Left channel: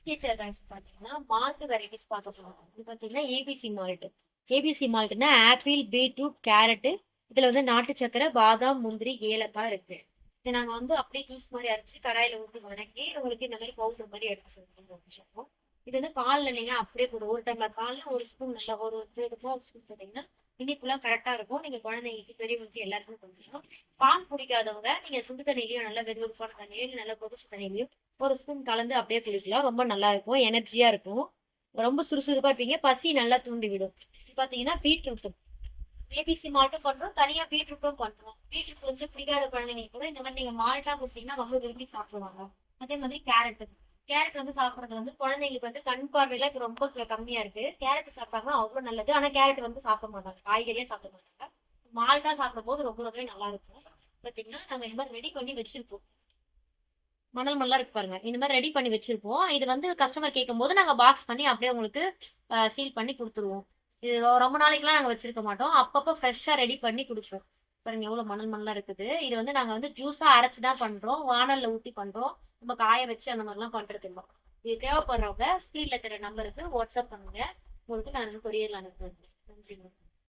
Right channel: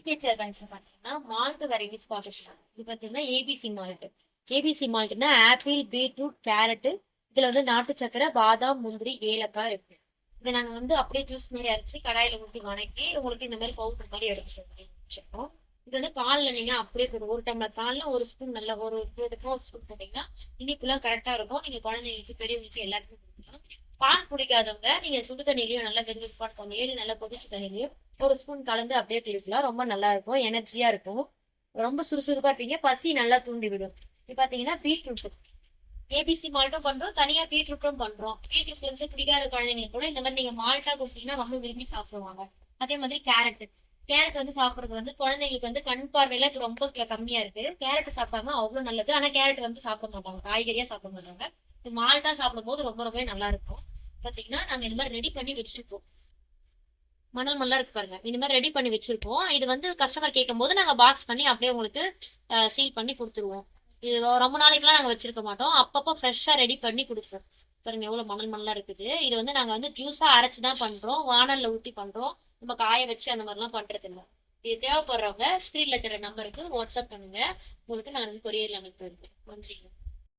பிகேசிஆர் பேங்க்ஸ்ல பாத்தீங்கன்னா malt varieties பார்க்க போறோம். இது பாத்தீங்கன்னா ஏபிசி மால்ட். ஏபிசி மால்ட்னா ஆப்பிள், பீட்ரூட், கேரட், இதுல வந்து நாட்டு சக்கரை, பாதாம், முந்திரி, ஏலக்காய் இருக்கு. இதை நாங்க வந்து அப்படியே ஜூஸ் மாதிரி அரைச்சு கடாயில ஊற்றி வணக்கி உங்களுக்கு இந்த மாதிரி பவுடர் மாதிரி எடுத்துட்டு வச்சிருக்கோம். இது வந்து பால்ல நீங்க அப்படியே போடும். ஒரு டம்ளர் பால்ல ஒரு ஸ்பூன் நல்லா ஒரு ஸ்பூன் போட்டீங்கன்னா இனிப்புலாம் கரெக்டா இருக்கும். நீங்க குழந்தைங்களுக்கு பெரியவங்களுக்கு எல்லாருக்குமே கொடுக்கலாம். பால் பிடிக்காதவங்க நீங்க சுடு தண்ணியிலயும் நல்லா வெதுவெதுப்பான தண்ணியிலயும் நல்லா கொதிச்ச தண்ணியிலயும் ஒரு ஸ்பூன் கலந்து அப்படியே குடிக்கலாம். ரொம்ப நல்லா இருக்கும், எனர்ஜியா இருக்கும், ரொம்ப சுறுசுறுப்பா இருப்பீங்க, பசி நல்லா தூண்டி விடும். இது பாத்தீங்கன்னா பீட்ரூட் ஏபிசி மால்ட்டும் பண்றோம், தனியா பீட்ரூட்டும் பண்றோம். பீட்ரூட் வந்து பிடிக்காத குழந்தைங்களுக்கு கூட இந்த மாதிரி நீங்க மால்ட்டா கொடுத்தீங்கன்னா ரொம்ப விரும்பி சாப்பிடுவாங்க. அதே மாதிரி கேரட். கேரட் வந்து சாப்பிடுறது வந்து குழந்தைங்களுக்கு வந்து கண் பார்வையில இப்ப ரொம்ப கம்மியா இருக்கு. கேரட் சாப்பிட்டாங்க அவ்வளவு நல்லது. ஆனா கேரட் வந்து சாப்பிட மாட்டாங்க, காய்கறியா சாப்பிட மாட்டாங்க. மால்ட்டா சாப்பிடும் போது ரொம்ப ரொம்பவே நல்லா இருக்கும். பாத்தீங்கன்னா நாங்க இந்த மாதிரி ரெடி பண்ணி வச்சிருப்போம். மணல் மணலா இருக்கு பாருங்க, இந்த மாதிரி ரெடி பண்ணி வச்சிருப்போம். இது வந்து கஸ்டமர் கேட்கும் போது நாங்க பாக்ஸ் பண்ணி அப்படியே உங்களுக்கு சீல் பண்ணி கொடுத்துருவோம். இது ரொம்ப நாளைக்குலாம் நாங்க வச்சிருக்க மாட்டோம், அப்பப்போ ஃப்ரெஷ்ஷா ரெடி பண்ணி கொடுப்போம். பாருங்க எவ்வளவு மணல் மணலா இருக்குது. இது வந்து நாங்க வந்து ஜூஸா அரைச்சுதான் பண்றோம், வானல்ல ஊத்தி பண்றோம். நம்ம காய வச்சு அந்த மாதிரிலாம் பண்றது இல்லை. இது தேவைப்படுறவங்க ஸ்கிரீன்ல தெரிய நம்பருக்கு வாட்ஸ்அப் பண்ணுங்க, உங்களுக்கு நான் கொரியர்ல அனுப்பிடுறேன். நன்றிங்க.